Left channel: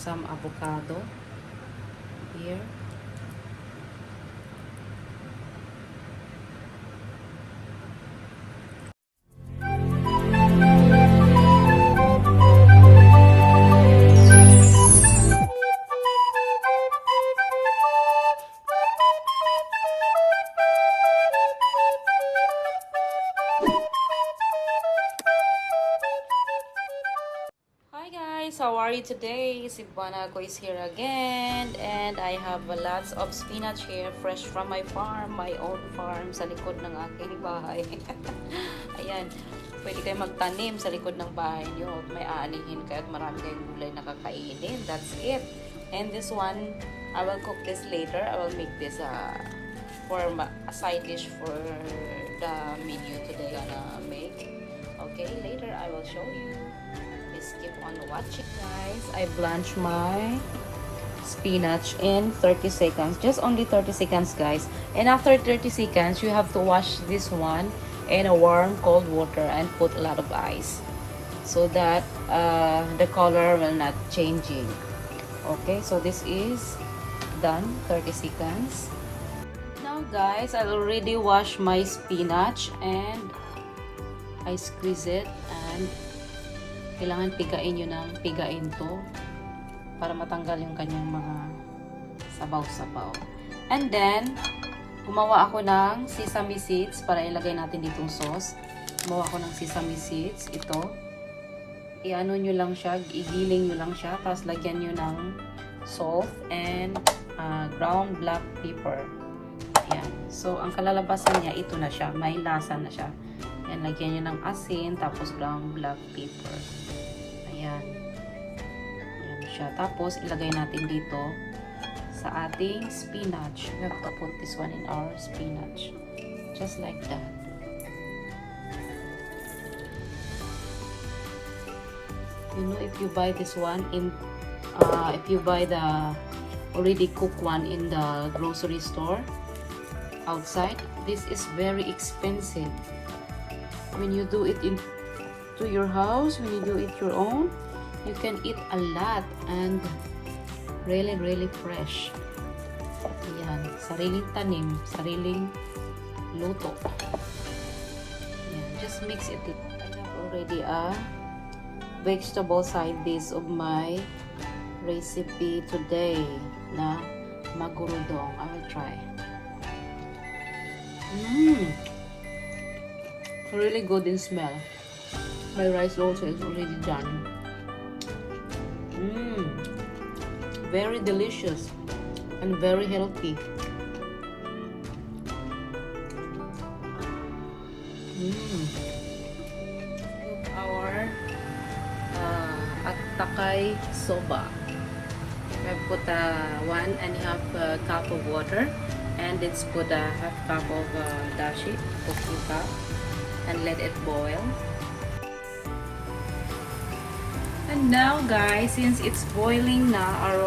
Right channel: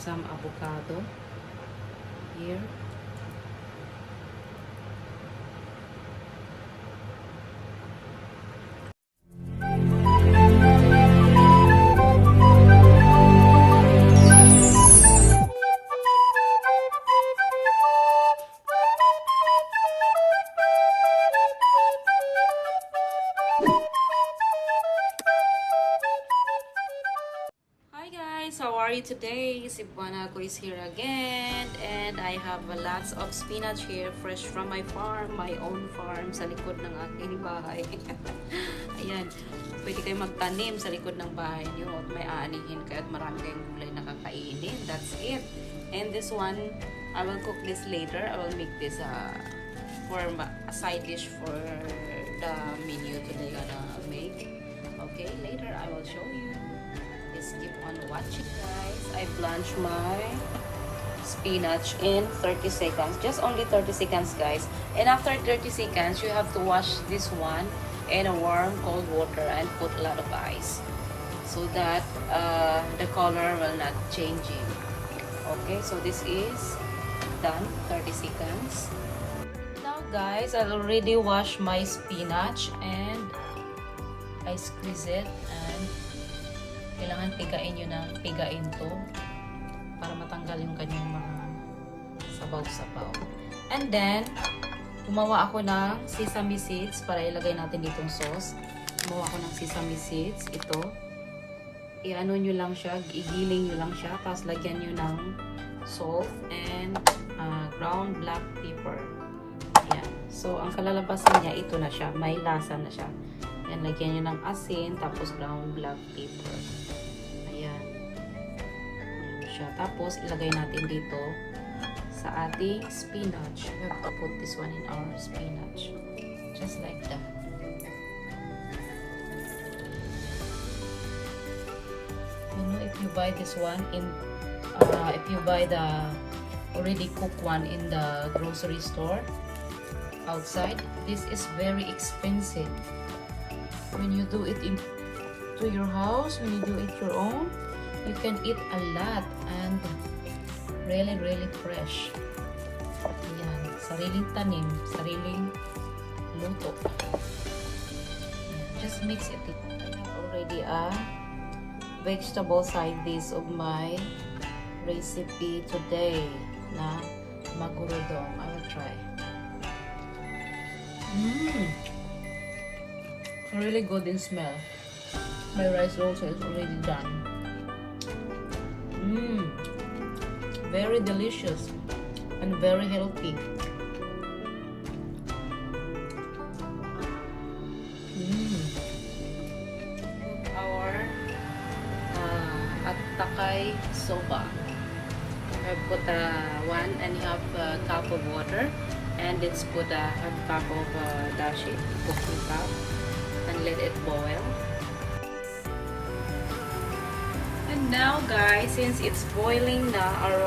some avocado here. How are you today? Cebuana is here again, and I have lots of spinach here, fresh from my farm, my own farm, sa likod ng aking bahay. Ayan, pwede kayo magtanim sa likod ng bahay nyo at may aanihin kayo at marami kayong gulay na kakainin. That's it. And this one, I will cook this later. I will make this for a side dish for the video today gonna make. Okay, later I will show you. Keep on watching, guys. I blanch my spinach in 30 seconds, just only 30 seconds, guys. And after 30 seconds you have to wash this one in a warm cold water and put a lot of ice so that the color will not change. Okay, so this is done. 30 seconds. Now, guys, I already washed my spinach and I squeeze it, and kailangan pigain nyo ng pigain to para matanggal yung kanyang mga sabaw-sabaw. And then, gumawa ako ng sesame seeds para ilagay natin ditong sauce. Gumawa ako ng sesame seeds. Ito. I-ano nyo lang siya, igiling nyo lang siya, tapos lagyan nyo ng salt and ground black pepper. Ayan. So, ang kalalabasan niya, ito na siya. May lasa na siya. Ayan, lagyan nyo ng asin, tapos ground black pepper. Ayan. Ayan siya. Tapos, ilagay natin dito sa ating spinach. We have to put this one in our spinach. Just like that. You know, if you buy this one if you buy the already cooked one in the grocery store outside, this is very expensive. When you do it to your house, when you do it your own, you can eat a lot and really fresh. Ayan, sariling tanim, sariling luto. Ayan, just mix it. Already a vegetable side dish of my recipe today na Maguro-don. I will try. Really good in smell. My rice also is already done. Very delicious and very healthy. Our takay soba. I put 1.5 cup of water, and let's put a half cup of dashi, and let it boil. And now, guys, since it's boiling na our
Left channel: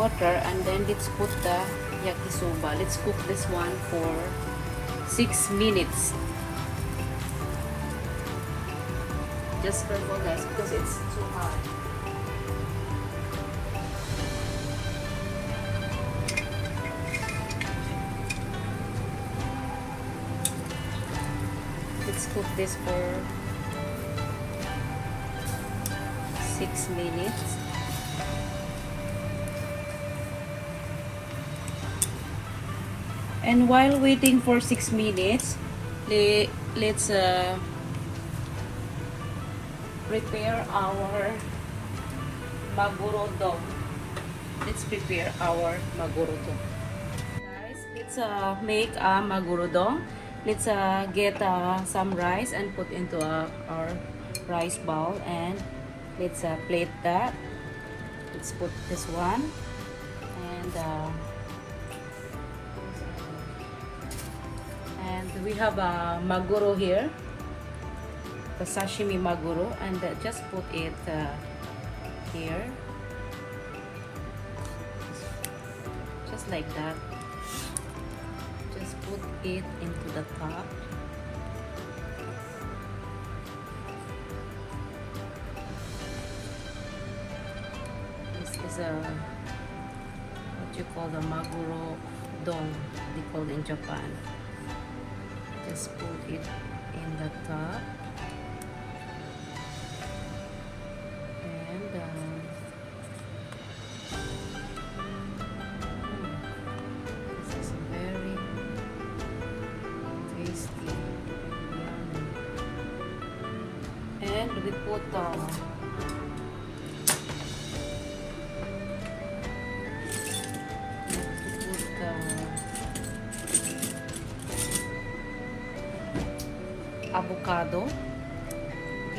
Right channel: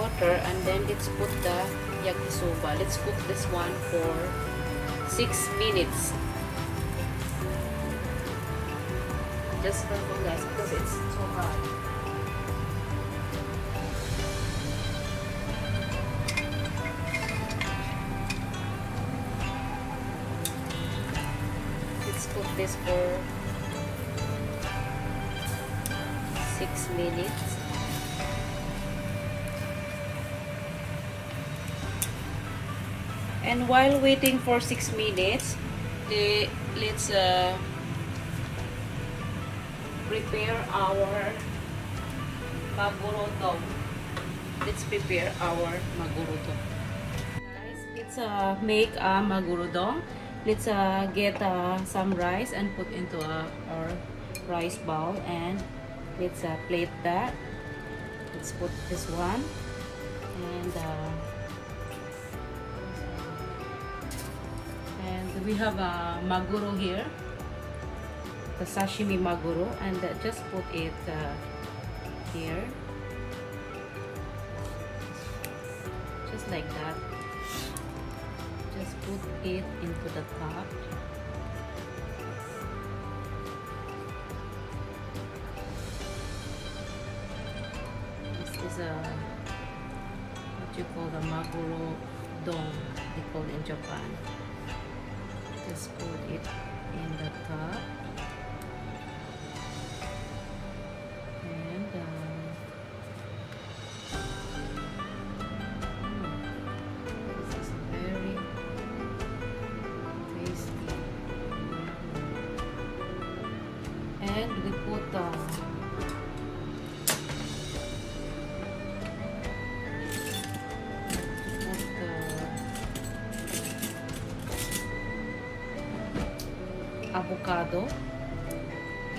water, and then let's put the yakisoba. Let's cook this one for 6 minutes. Just for the guys, because it's too hot. Cook this for 6 minutes. And while waiting for 6 minutes, let's prepare our Maguro-don. Let's prepare our Maguro-don. Let's make a Maguro-don. Let's get some rice and put into our rice bowl, and let's plate that. Let's put this one, and we have a maguro here, the sashimi maguro, and just put it here, just like that. Just put it into the pot.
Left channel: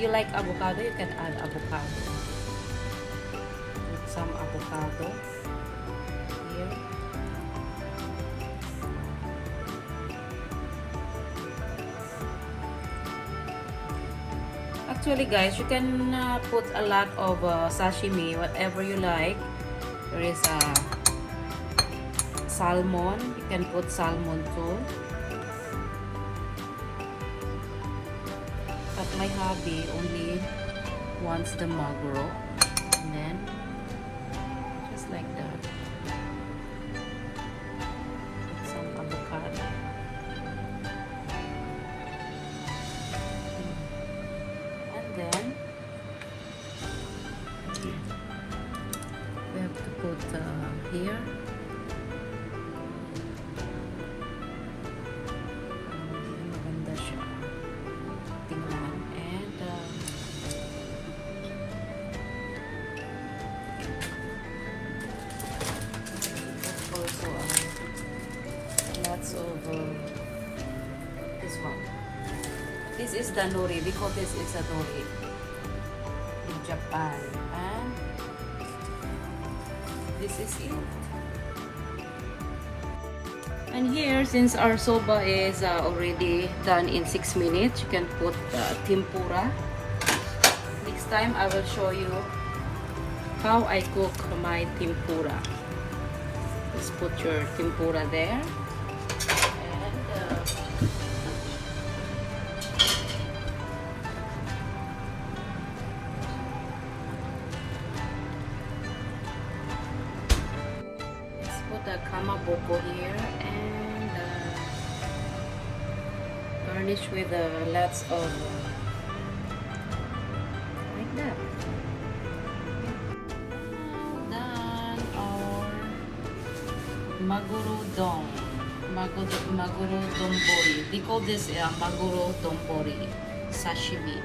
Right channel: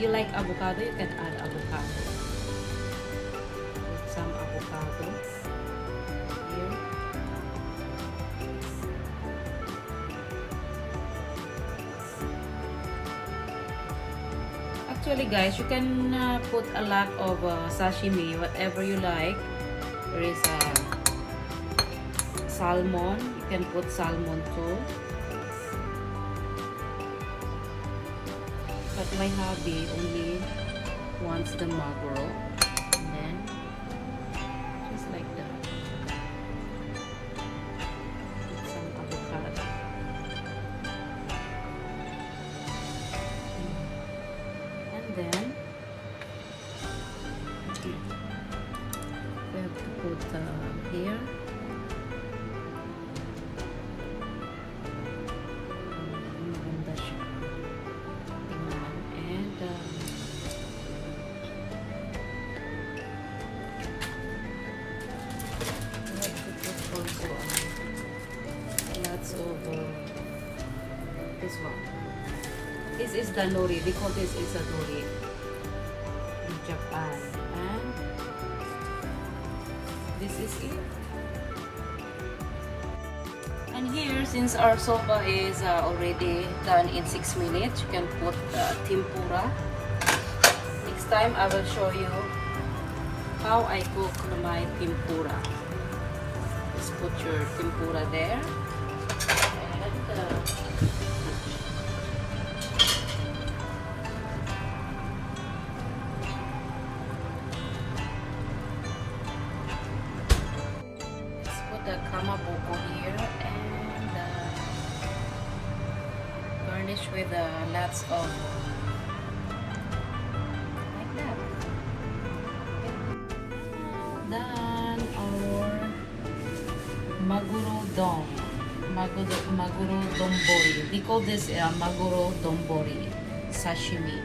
you like avocado, you can add avocado. Some avocado here. Actually, guys, you can put a lot of sashimi, whatever you like. There is salmon. You can put salmon too. But my hobby only wants the maguro. And then just like that. Some avocado. And then I have to put here. This is the nori, because this is a nori in Japan. And this is it. And here, since our soba is already done in 6 minutes, you can put tempura. Next time, I will show you how I cook my tempura. Just put your tempura there. And let's put the kamaboko here and garnish with lots of like that. Done our Maguro-don. Maguro-don bori. They call this Maguro-don bori sashimi.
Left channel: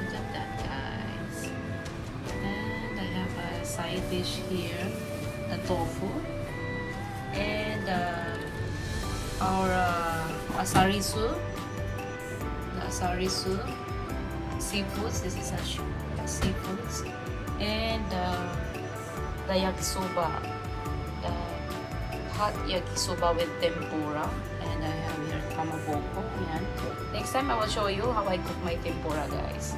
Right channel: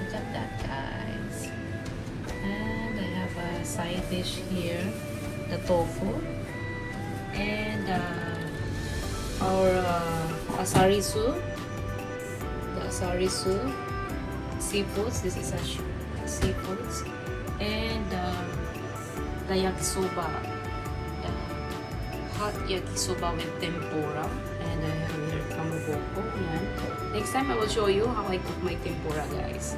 Look at that, guys. And I have a side dish here, the tofu, and our asarisu, the asarisu seafoods. This is seafoods, and the yakisoba. Hot yakisoba with tempura, and I have here kamaboko. Next time I will show you how I cook my tempura, guys.